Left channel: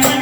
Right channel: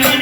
Thank you.